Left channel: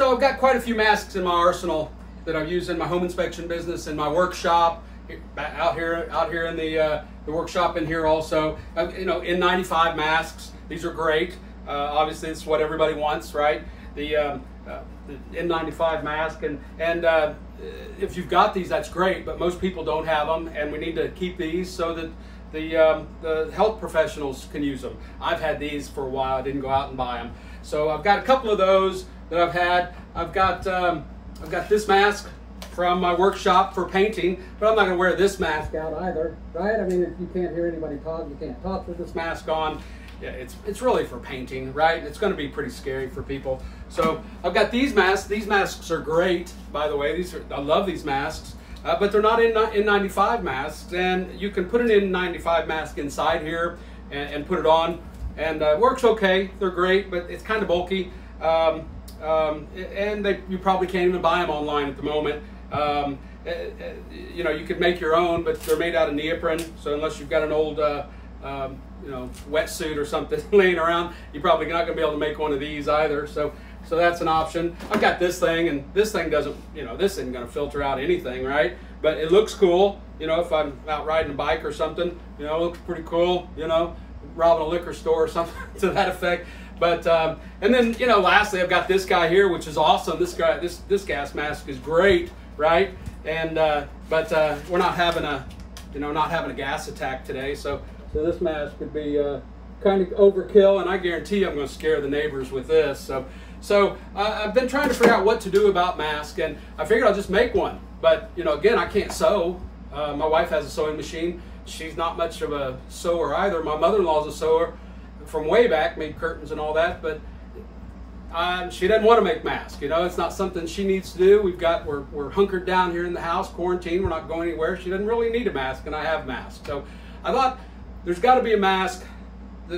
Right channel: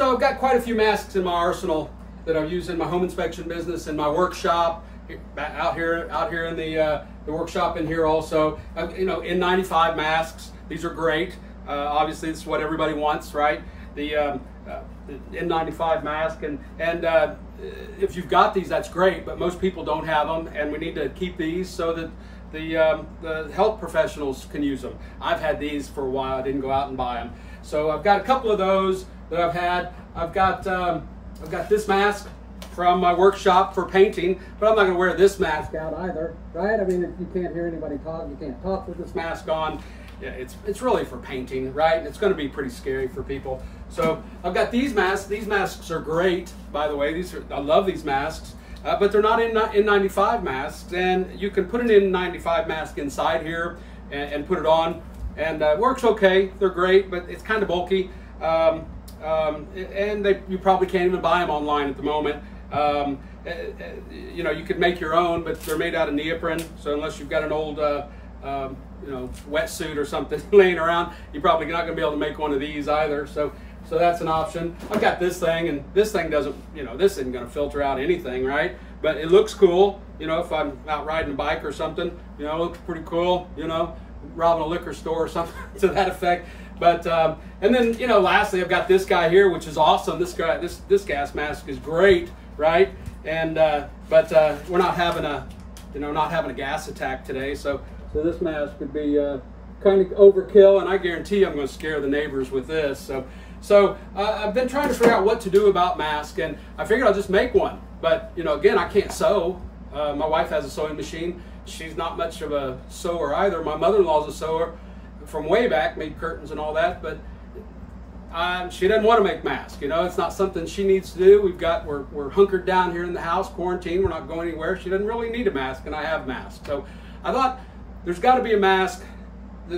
So I've got quite a few masks in my arsenal that I've used in my home inspection business, in my workshop, out here in the workshop in here also. You know, N95 masks. These are great. Obviously, it's what everybody wants, right? The N95 mask, and if you've got these, that's great. But most people don't have them, and we need to keep these so that the health professionals can use them. I've had these for a while. I didn't go out and buy them, so I've got a couple of those that I've had. I've got this mask from my workshop for painting, but I'm not going to wear this mask out either, right? I mean, if you can't hear anybody talk, you can't talk with this mask on. Yeah, it's really for painting, right? It's going to be pretty scary for people. So I've got these masks. These masks are great, by the way. I love these masks, but they're not N95 masks, and you can put an N95 mask inside here and put it on, and it works okay. They're great, but it's kind of bulky, and you probably can't even buy them online at the moment. You know, you could make your own, but they're made out of neoprene, so unless you've got an old you know, wetsuit or something laying around, you're probably not going to be able to make one of these either. So that's an option. I've got this thing, and this thing doesn't, you know, this isn't going to filter out anything, right? But it looks cool, you know, if I'm out riding a bike or something, you know, it looks pretty cool, you know, robbing a liquor store or something to that effect. But and then, you know, lastly, I've got this guy here, which is awesome. This guy, this gas mask is great, right? And but we're not having a gas attack today, so this mask could be kind of overkill, and I guarantee I'm going to scare the neighbors with this. So I've been trying to figure out what to do about masks, and I figured I'll just make one. But, you know, again, I can't sew. My wife has a sewing machine. She's not much of a sewer either. My mother-in-law's a sewer from way back, made curtains and all that, but she doesn't want to make masks. You know, it's not something she needs to do. We're hunkered down here in the house, quarantined. We're not going anywhere. She doesn't really need a mask, and I have masks. So I thought there's got to be a mask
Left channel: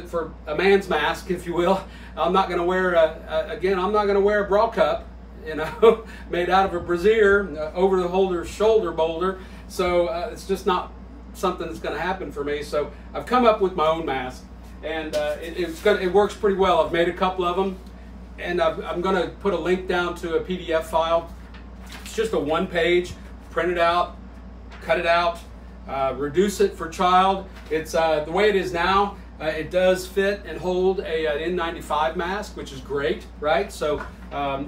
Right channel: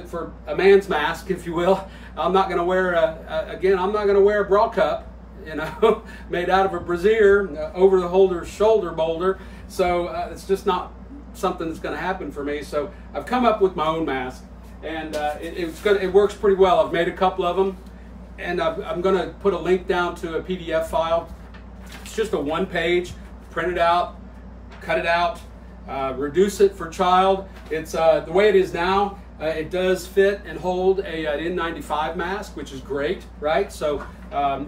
for a man's mask, if you will. I'm not going to wear I'm not going to wear a bra cup, you know, made out of a brassiere over the shoulder boulder. So it's just not something that's going to happen for me. So I've come up with my own mask, and it works pretty well. I've made a couple of them, and I'm going to put a link down to a PDF file. It's just a one-page, print it out, cut it out, reduce it for child. It's the way it is now. It does fit and hold an N95 mask, which is great, right? So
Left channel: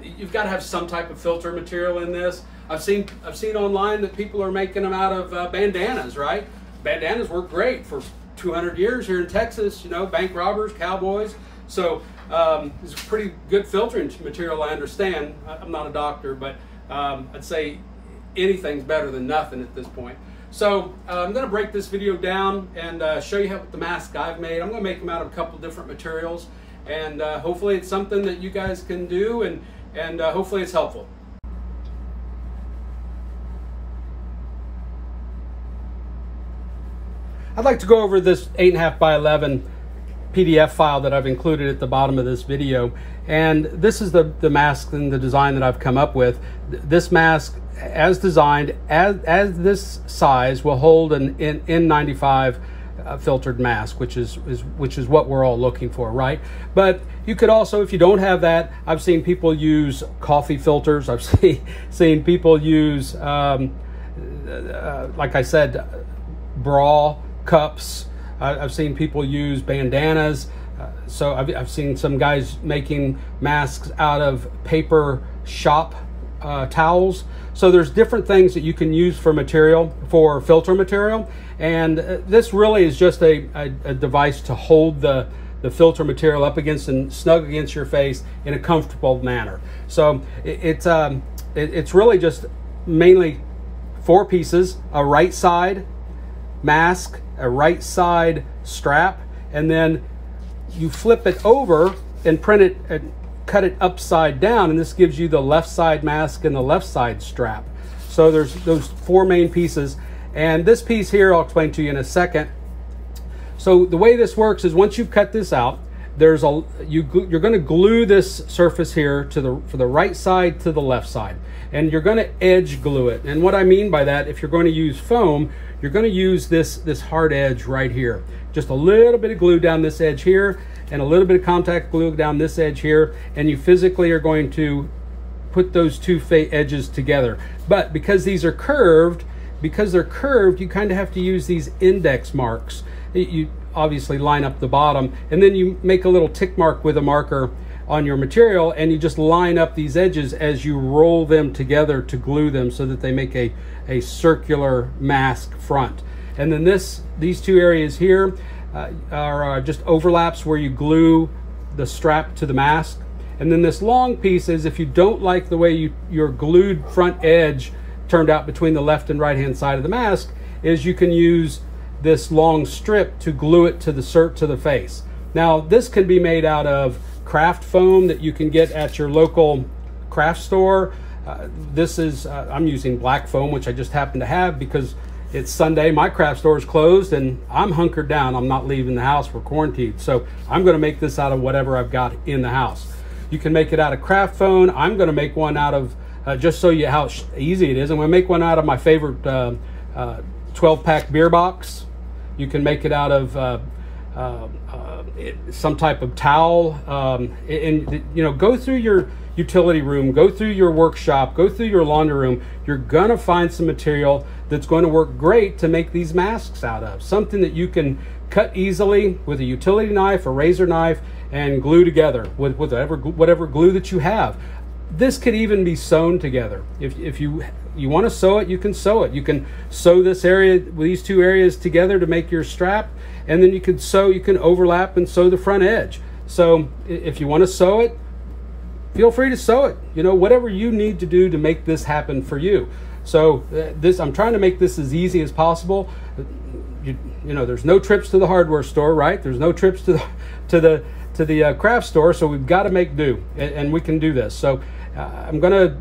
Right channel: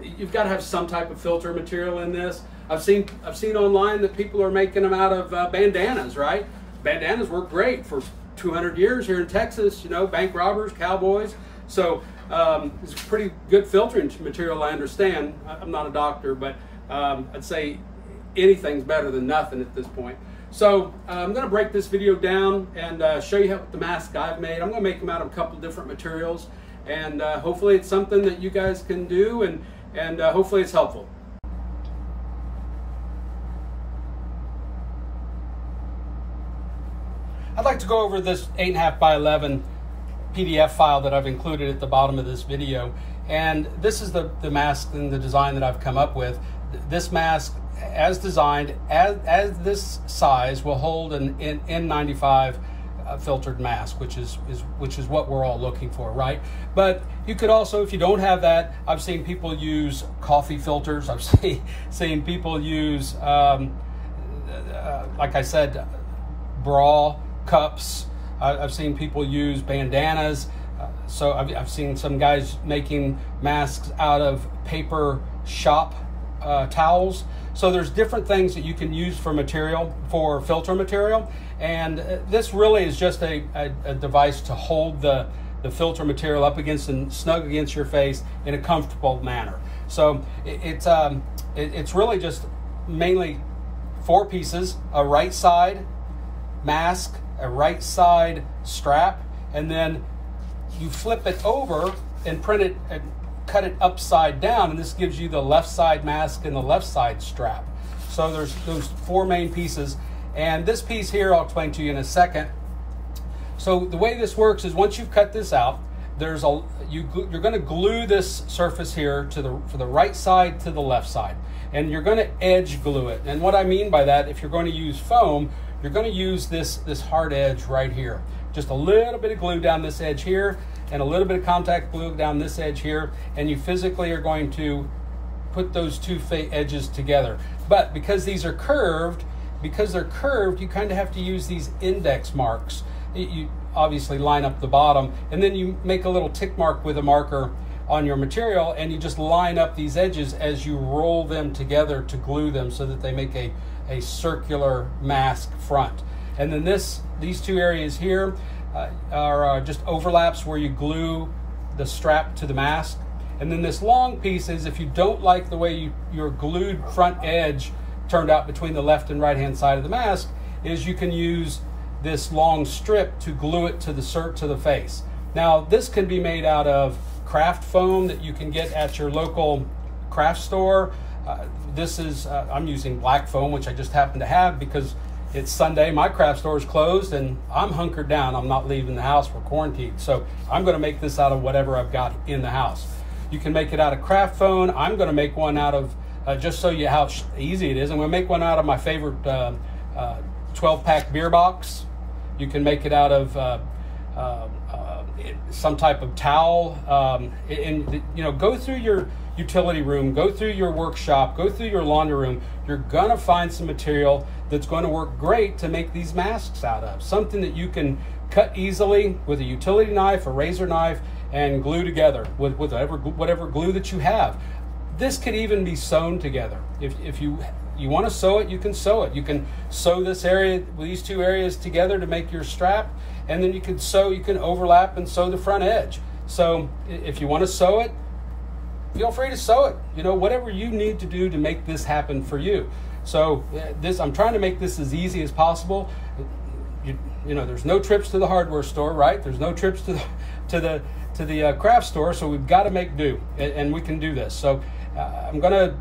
you've got to have some type of filter material in this. I've seen online that people are making them out of bandanas, right? Bandanas work great for 200 years here in Texas. You know, bank robbers, cowboys. So it's a pretty good filtering material, I understand. I'm not a doctor, but I'd say anything's better than nothing at this point. So I'm going to break this video down and show you the mask I've made. I'm going to make them out of a couple different materials, and hopefully it's something that you guys can do, and hopefully it's helpful. I'd like to go over this 8.5 by 11 PDF file that I've included at the bottom of this video, and this is the mask and the design that I've come up with. This mask, as designed, as this size, will hold an N95 filtered mask, which is what we're all looking for, right? But you could also, if you don't have that, I've seen people use coffee filters. I've seen people use, like I said, bra cups. I've seen people use bandanas. So I've seen some guys making masks out of paper shop towels. So there's different things that you can use for filter material, and this really is just a device to hold the filter material up against and snug against your face in a comfortable manner. So it's really just mainly 4 pieces: a right side mask, a right side strap, and then you flip it over and print it and cut it upside down, and this gives you the left side mask and the left side strap. So there's those 4 main pieces, and this piece here I'll explain to you in a second. So the way this works is, once you've cut this out, you're going to glue this surface here for the right side to the left side, and you're going to edge glue it. And what I mean by that, if you're going to use foam, you're going to use this hard edge right here. Just a little bit of glue down this edge here, and a little bit of contact glue down this edge here, and you physically are going to put those two edges together. But because these are curved, you kind of have to use these index marks. You obviously line up the bottom, and then you make a little tick mark with a marker on your material, and you just line up these edges as you roll them together to glue them so that they make a circular mask front. And then these two areas here are just overlaps where you glue the strap to the mask. And then this long piece is, if you don't like the way your glued front edge turned out between the left and right hand side of the mask, is you can use this long strip to glue it to the face. Now this can be made out of craft foam that you can get at your local craft store. I'm using black foam, which I just happen to have because it's Sunday, my craft store is closed, and I'm hunkered down. I'm not leaving the house, we're quarantined. So I'm gonna make this out of whatever I've got in the house. You can make it out of craft foam. I'm gonna make one out of, just so you how easy it is, I'm gonna make one out of my favorite 12-pack beer box. You can make it out of some type of towel, and you know, go through your utility room, go through your workshop, go through your laundry room. You're gonna find some material that's going to work great to make these masks out of. Something that you can cut easily with a utility knife, a razor knife, and glue together with whatever glue that you have. This could even be sewn together. If you want to sew it, you can sew it. You can sew this area with these two areas together to make your strap, and then you can overlap and sew the front edge. So if you want to sew it, feel free to sew it. You know, whatever you need to do to make this happen for you. So I'm trying to make this as easy as possible. You know, there's no trips to the hardware store, right? There's no trips to the craft store, so we've got to make do, and we can do this. So I'm gonna,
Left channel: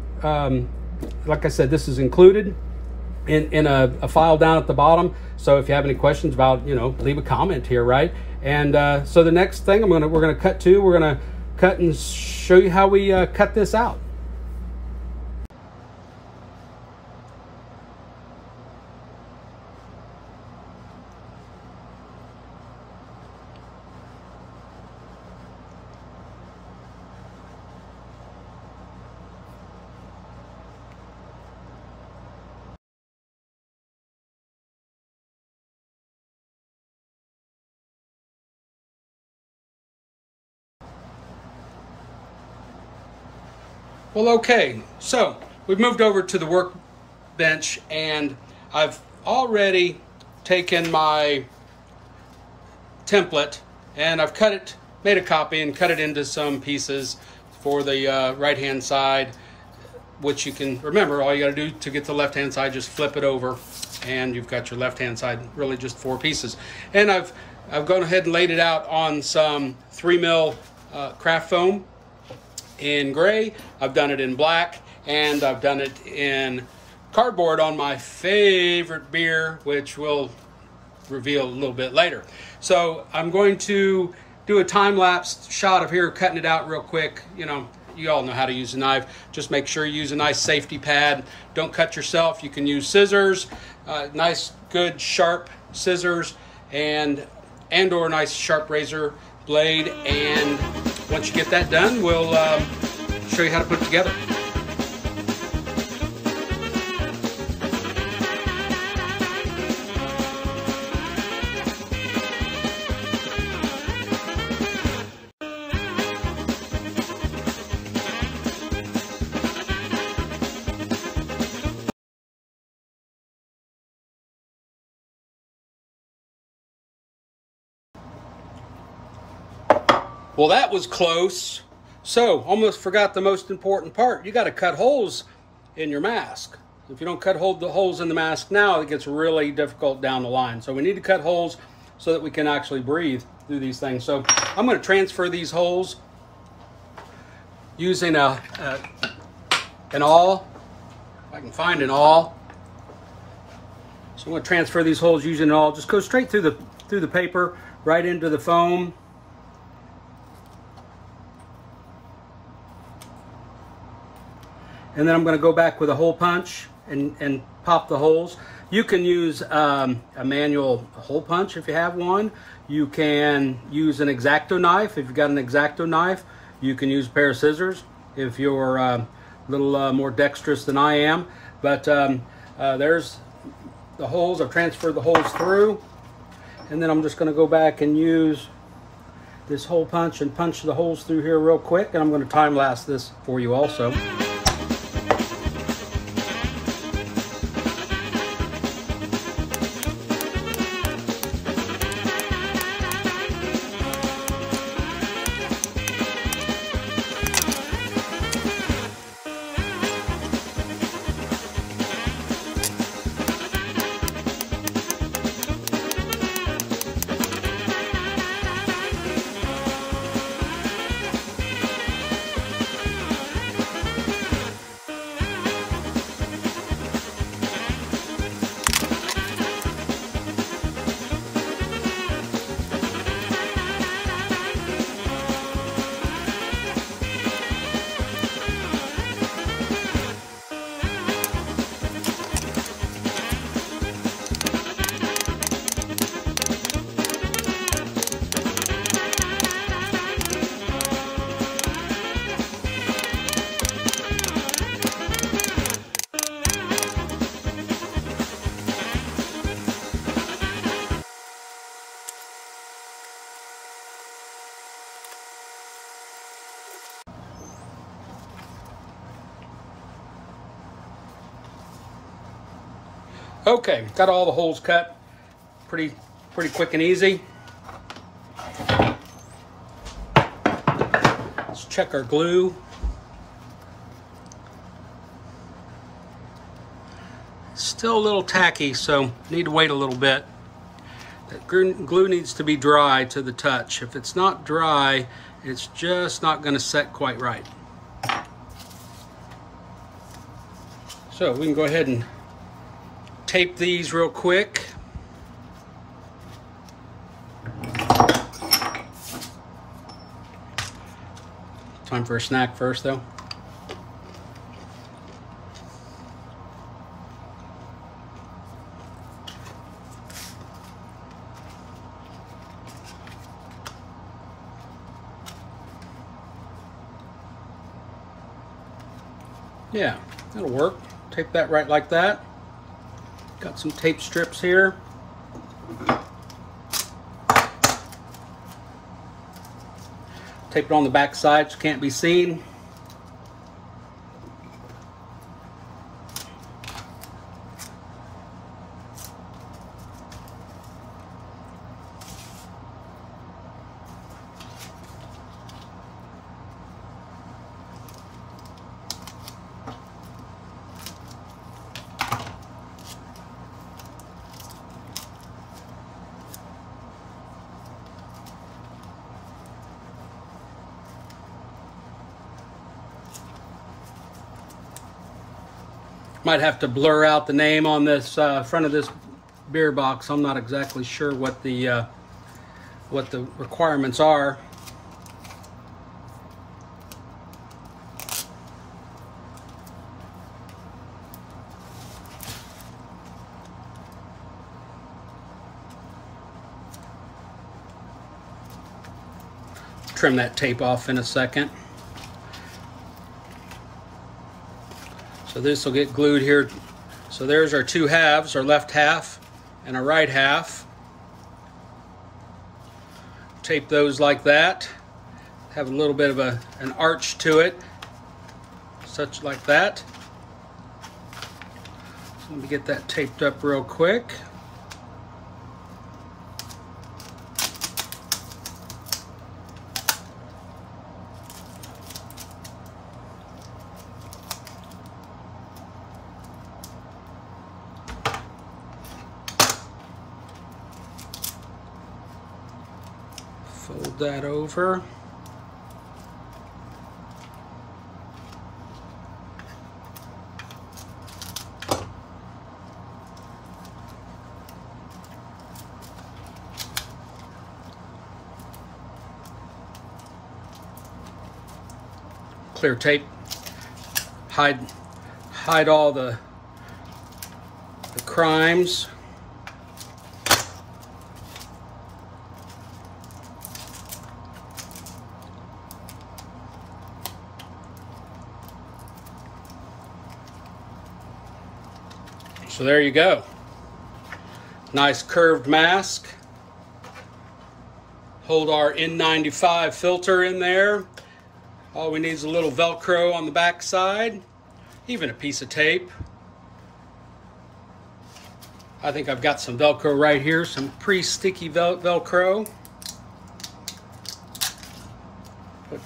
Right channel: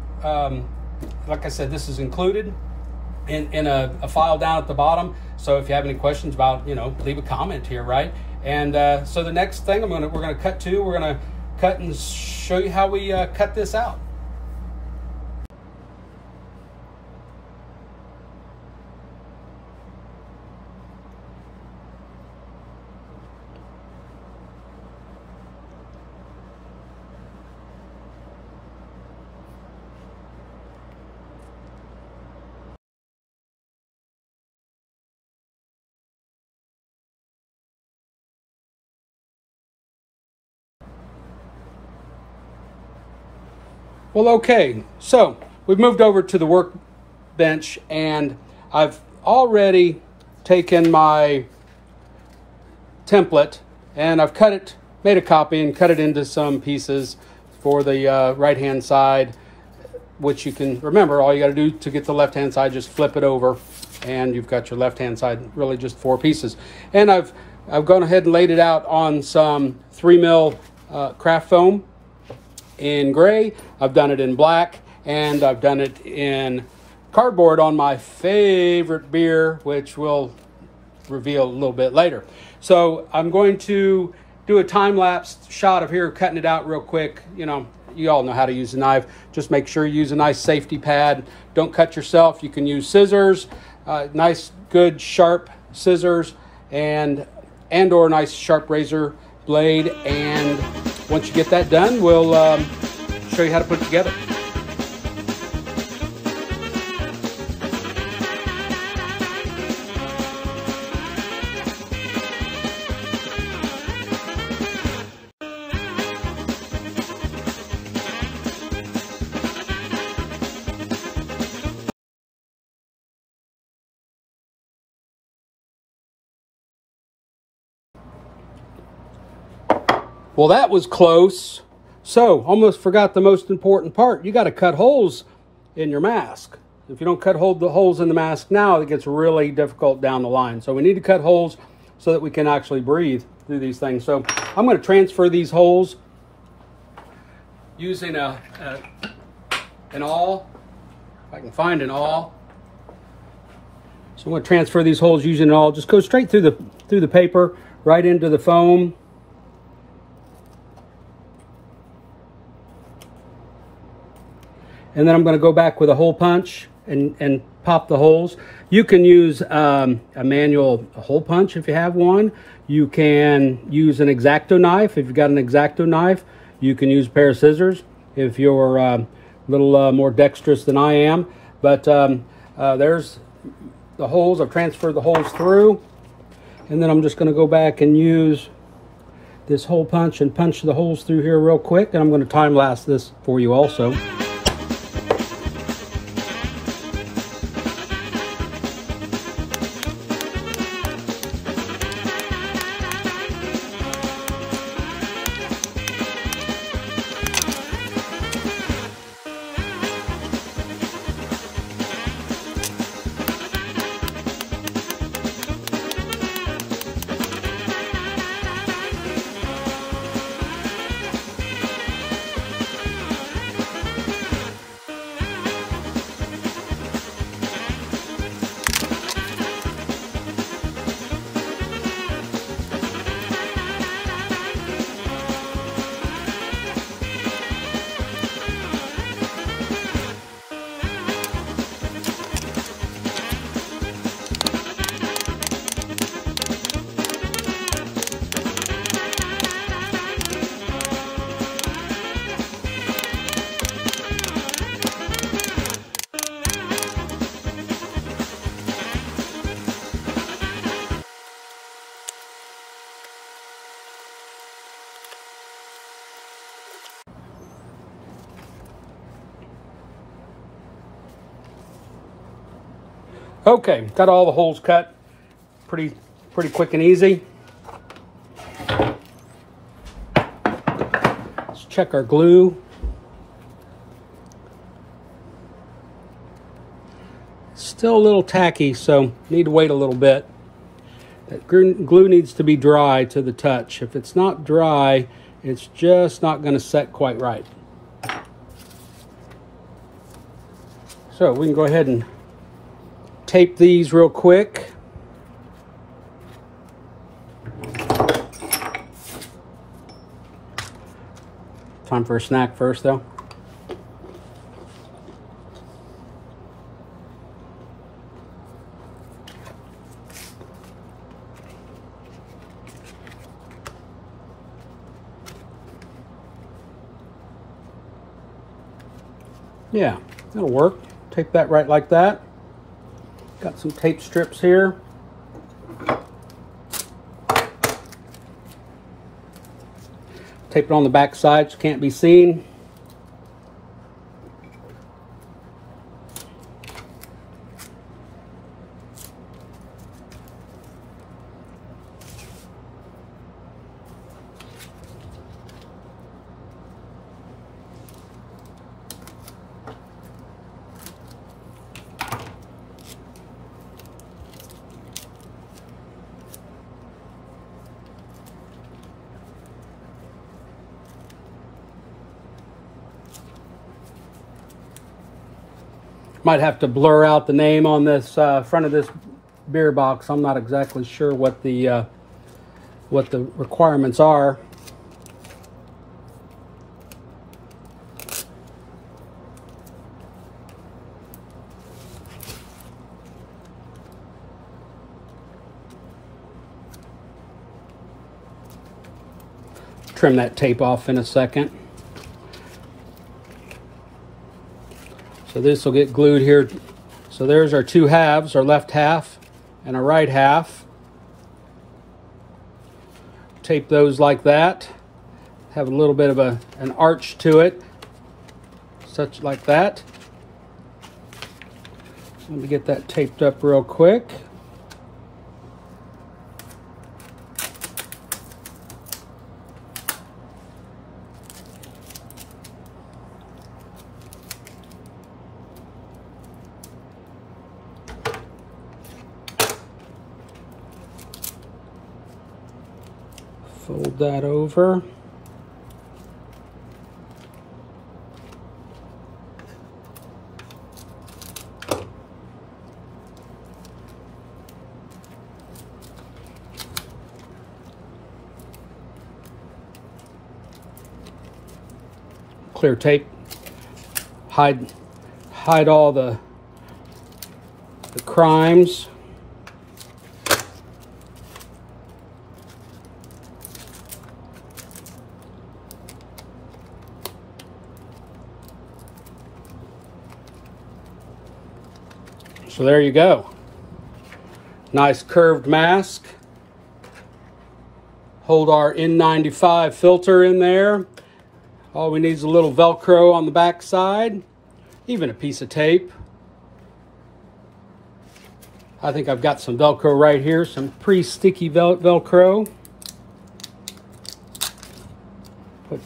like I said, this is included in a file down at the bottom. So if you have any questions about, you know, leave a comment here, right? And so the next thing we're gonna cut to, we're gonna cut and show you how we cut this out. Well, okay, so we've moved over to the workbench, and I've already taken my template and I've made a copy and cut it into some pieces for the right-hand side, which you can remember, all you got to do to get the left-hand side, just flip it over, and you've got your left-hand side, really just 4 pieces. And I've gone ahead and laid it out on some 3mm craft foam in gray. I've done it in black, and I've done it in cardboard on my favorite beer, which we'll reveal a little bit later. So I'm going to do a time-lapse shot of here, cutting it out real quick. You know, you all know how to use a knife. Just make sure you use a nice safety pad. Don't cut yourself. You can use scissors, nice, good, sharp scissors, and/or nice sharp razor blade. And once you get that done, we'll show you how to put it together. Well, that was close. So, almost forgot the most important part. You got to cut holes in your mask. If you don't cut the holes in the mask now, it gets really difficult down the line. So we need to cut holes so that we can actually breathe through these things. So I'm going to transfer these holes using an awl. If I can find an awl. So I'm going to transfer these holes using an awl. Just go straight through the paper, right into the foam. And then I'm going to go back with a hole punch and pop the holes. You can use a manual hole punch if you have one. You can use an X-Acto knife. If you've got an X-Acto knife, you can use a pair of scissors. If you're little more dexterous than I am. But there's the holes. I've transferred the holes through, and then I'm just going to go back and use this hole punch and punch the holes through here real quick, and I'm going to time lapse this for you also. Okay, got all the holes cut. Pretty quick and easy. Let's check our glue. Still a little tacky, so need to wait a little bit. That glue needs to be dry to the touch. If it's not dry, it's just not going to set quite right. So we can go ahead and tape these real quick. Time for a snack first, though. Yeah, that'll work. Tape that right like that. Got some tape strips here. Tape it on the back side so it can't be seen. Might have to blur out the name on this front of this beer box. I'm not exactly sure what the requirements are. Trim that tape off in a second. So this will get glued here. So there's our two halves, our left half and our right half. Tape those like that. Have a little bit of an arch to it, such like that. Let me get that taped up real quick. Fold that over. Clear tape. Hide all the crimes. So there you go. Nice curved mask. Hold our N95 filter in there. All we need is a little Velcro on the back side, even a piece of tape. I think I've got some Velcro right here, some pre-sticky Velcro. Put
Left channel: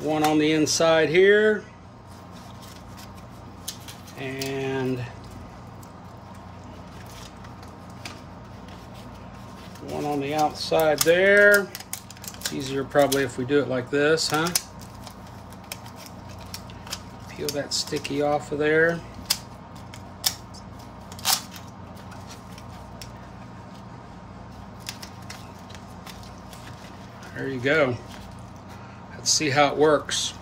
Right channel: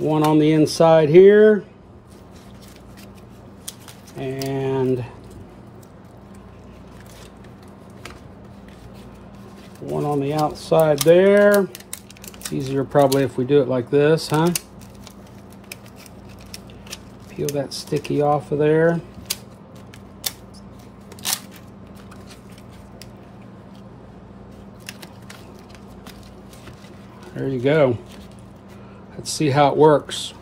one on the inside here, and one on the outside there. Easier probably if we do it like this, huh? Peel that sticky off of there. There you go. Let's see how it works.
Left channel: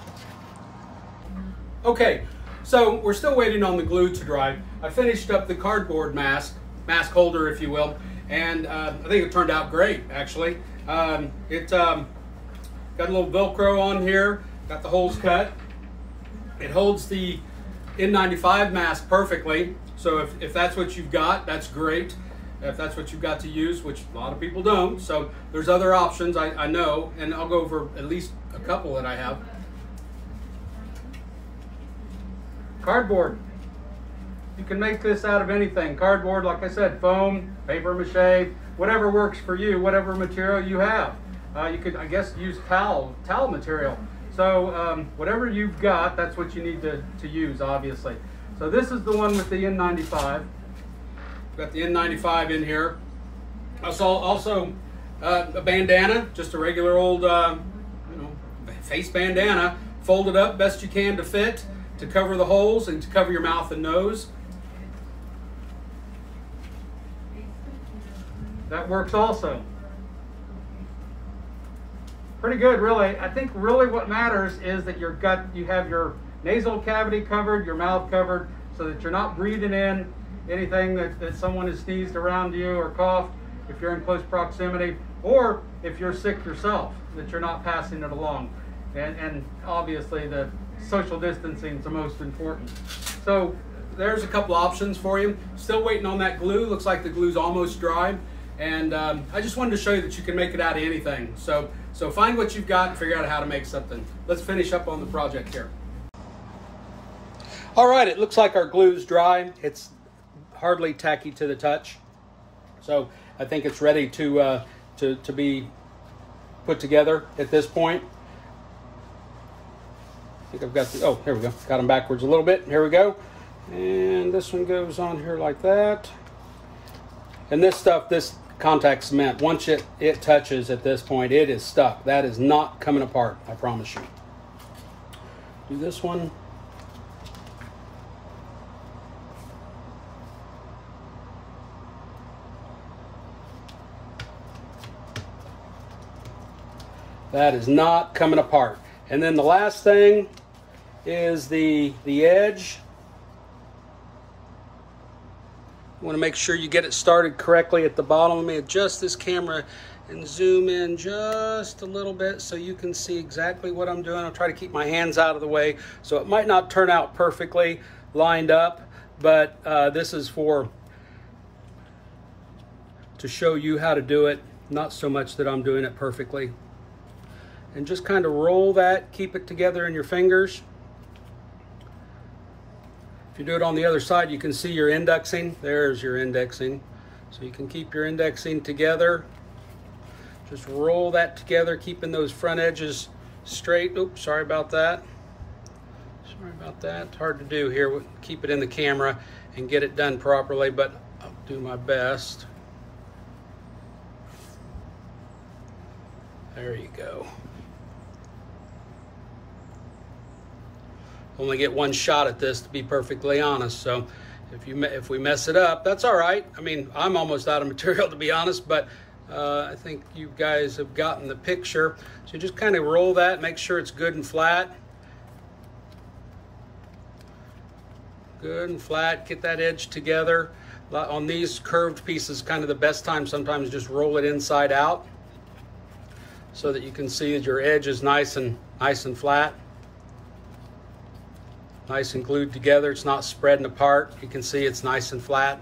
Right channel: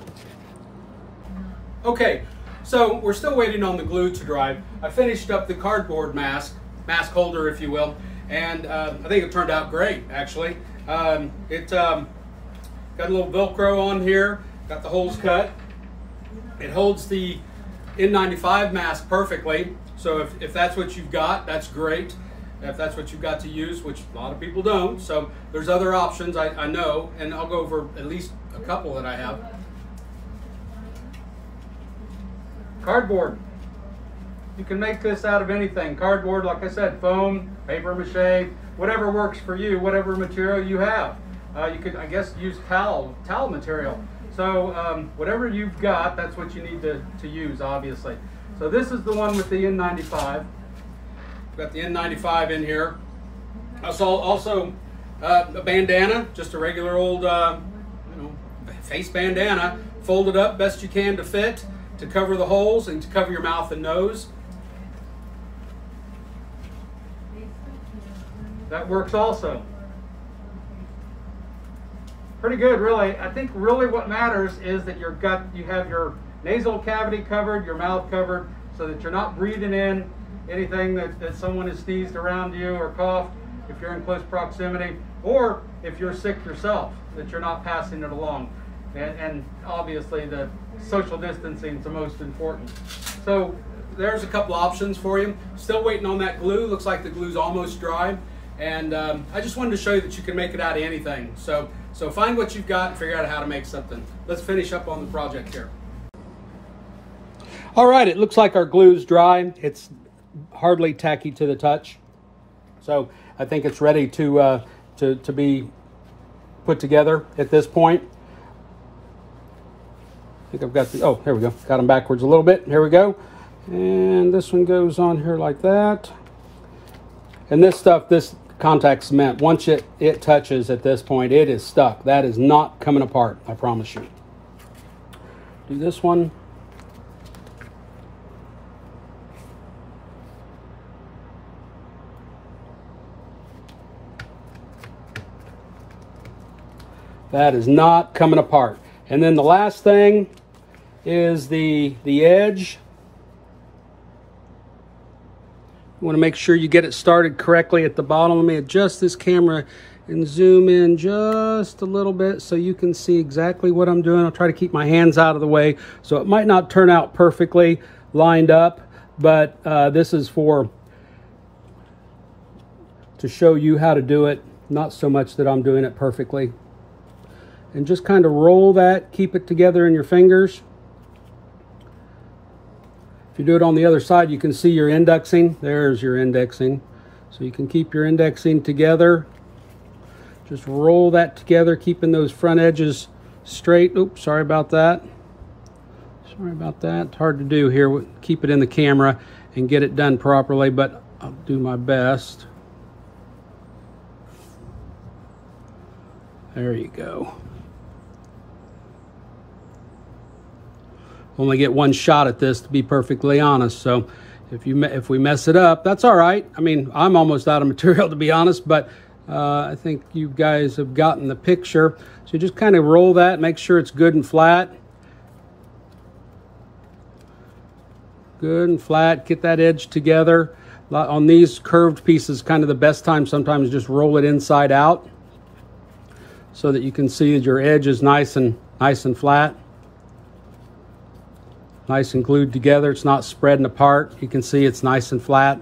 Okay, so we're still waiting on the glue to dry. I finished up the cardboard mask holder, if you will, and I think it turned out great, actually. It got a little Velcro on here, got the holes cut. It holds the N95 mask perfectly, so if that's what you've got, that's great. If that's what you've got to use, which a lot of people don't, so there's other options, I know, and I'll go over at least a couple that I have. Cardboard. You can make this out of anything. Cardboard, like I said, foam, paper mache, whatever works for you, whatever material you have. You could, I guess, use towel material. So whatever you've got, that's what you need to use, obviously. So this is the one with the N95. Got the N95 in here. Also a bandana, just a regular old face bandana, folded up best you can to fit, to cover the holes and to cover your mouth and nose. That works also. Pretty good, really. I think really what matters is that you have your nasal cavity covered, your mouth covered, so that you're not breathing in anything that someone has sneezed around you or coughed if you're in close proximity, or if you're sick yourself, that you're not passing it along. And obviously the social distancing is the most important. So there's a couple options for you. Still waiting on that glue. Looks like the glue's almost dry. And I just wanted to show you that you can make it out of anything. So find what you've got and figure out how to make something. Let's finish up on the project here. All right, it looks like our glue's dry. It's hardly tacky to the touch. So I think it's ready to be put together at this point. I think I've got the, oh, here we go. Got them backwards a little bit. Here we go. And this one goes on here like that. And this stuff, this contact cement, once it touches at this point, it is stuck. That is not coming apart, I promise you. Do this one. That is not coming apart. And then the last thing is the edge. You want to make sure you get it started correctly at the bottom. Let me adjust this camera and zoom in just a little bit so you can see exactly what I'm doing. I'll try to keep my hands out of the way, so it might not turn out perfectly lined up, but this is to show you how to do it, not so much that I'm doing it perfectly. And just kind of roll that, keep it together in your fingers. If you do it on the other side, you can see your indexing. There's your indexing. So you can keep your indexing together. Just roll that together, keeping those front edges straight. Oops, sorry about that. Sorry about that. It's hard to do here. Keep it in the camera and get it done properly, but I'll do my best. There you go. Only get one shot at this, to be perfectly honest. So if we mess it up, that's all right. I mean, I'm almost out of material, to be honest, but I think you guys have gotten the picture. So just kind of roll that, make sure it's good and flat. Good and flat, get that edge together. On these curved pieces, kind of the best time sometimes just roll it inside out so that you can see that your edge is nice and flat. Nice and glued together. It's not spreading apart. You can see it's nice and flat.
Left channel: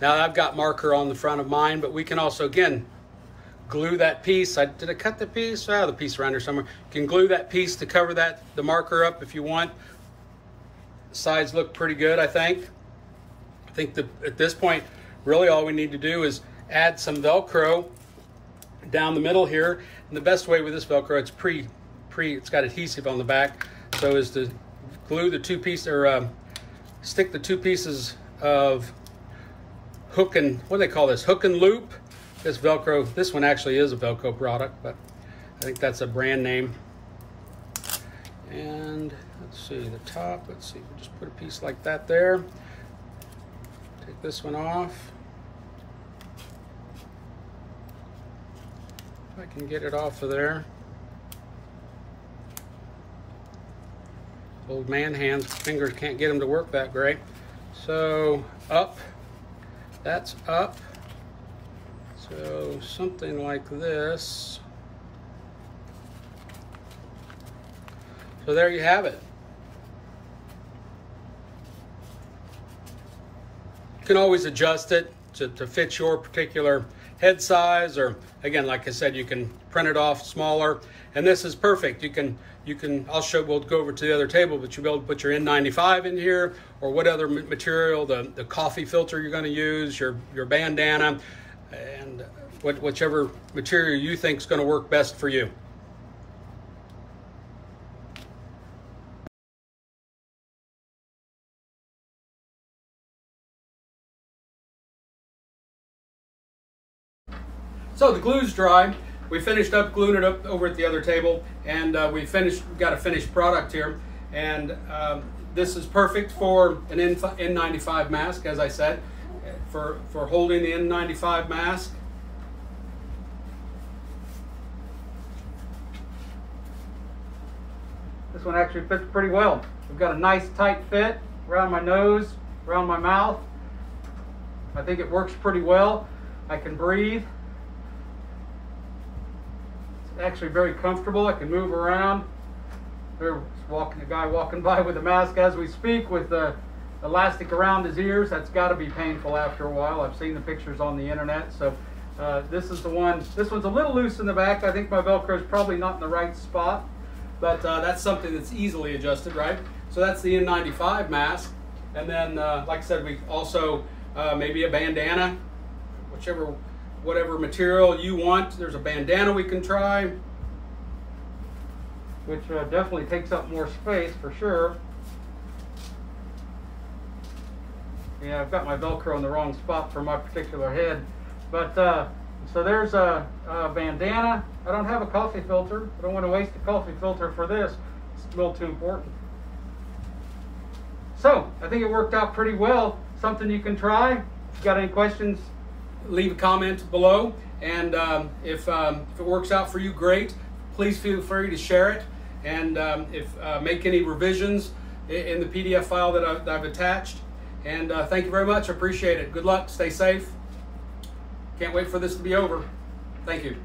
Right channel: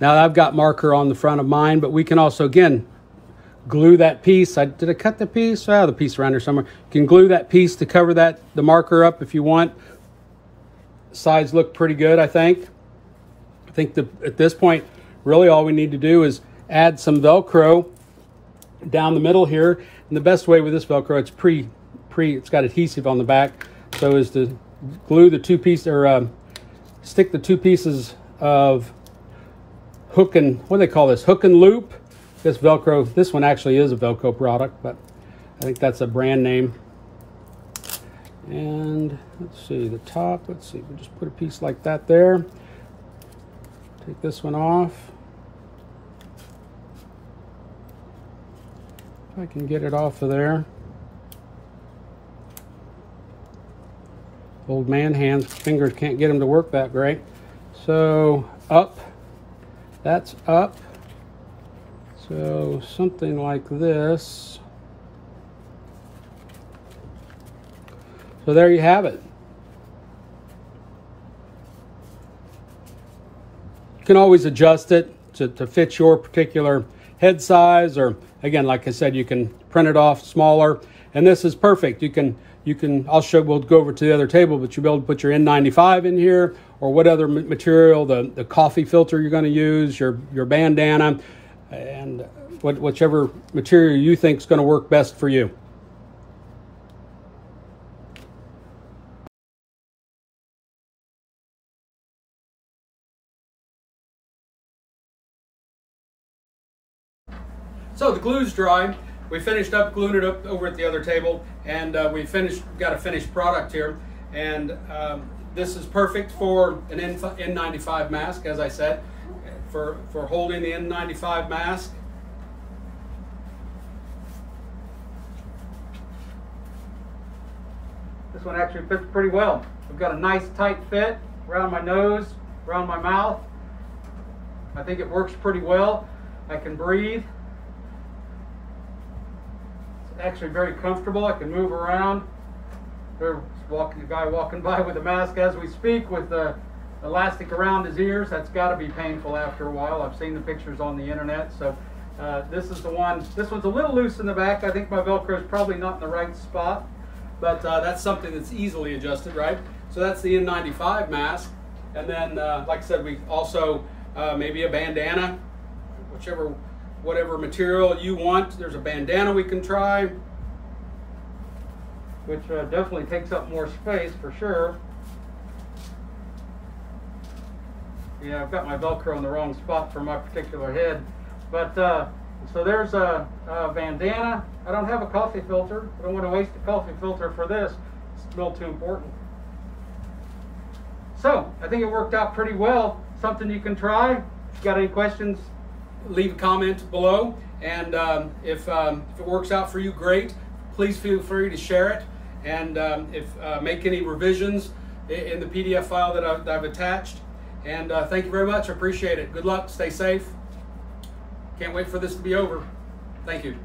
Now I've got marker on the front of mine, but we can also, again, glue that piece. Did I cut the piece? Oh, the piece around here somewhere. You can glue that piece to cover the marker up if you want. Sides look pretty good, I think. I think at this point, really all we need to do is add some Velcro down the middle here. And the best way with this Velcro, it's got adhesive on the back, so is to glue the two pieces, or stick the two pieces of hook and, what do they call this? Hook and loop. This Velcro, this one actually is a Velcro product, but I think that's a brand name. And let's see, the top, let's see, we'll just put a piece like that there. Take this one off. If I can get it off of there. Old man hands, fingers can't get them to work that great. So up, that's up. So something like this. So there you have it. You can always adjust it to fit your particular head size, or again, like I said, you can print it off smaller. And this is perfect. You can, we'll go over to the other table, but you'll be able to put your N95 in here, or what other material, the coffee filter you're going to use, your bandana, and whichever material you think is going to work best for you. So the glue's dry. We finished up gluing it up over at the other table, and got a finished product here. And this is perfect for an N95 mask, as I said, for holding the N95 mask. This one actually fits pretty well. I've got a nice tight fit around my nose, around my mouth. I think it works pretty well. I can breathe. It's actually very comfortable. I can move around. There's a guy walking by with a mask as we speak, with the elastic around his ears. That's got to be painful after a while. I've seen the pictures on the internet. So this is the one. This one's a little loose in the back. I think my Velcro is probably not in the right spot, but that's something that's easily adjusted, right? So that's the N95 mask. And then, like I said, we also maybe a bandana, whatever material you want. There's a bandana we can try, which definitely takes up more space for sure. Yeah, I've got my Velcro in the wrong spot for my particular head. But so there's a bandana. I don't have a coffee filter. I don't want to waste a coffee filter for this. It's a little too important. So I think it worked out pretty well. Something you can try. If you got any questions, leave a comment below. And if it works out for you, great. Please feel free to share it. And make any revisions in the PDF file that I've attached. And thank you very much. I appreciate it. Good luck. Stay safe. Can't wait for this to be over. Thank you.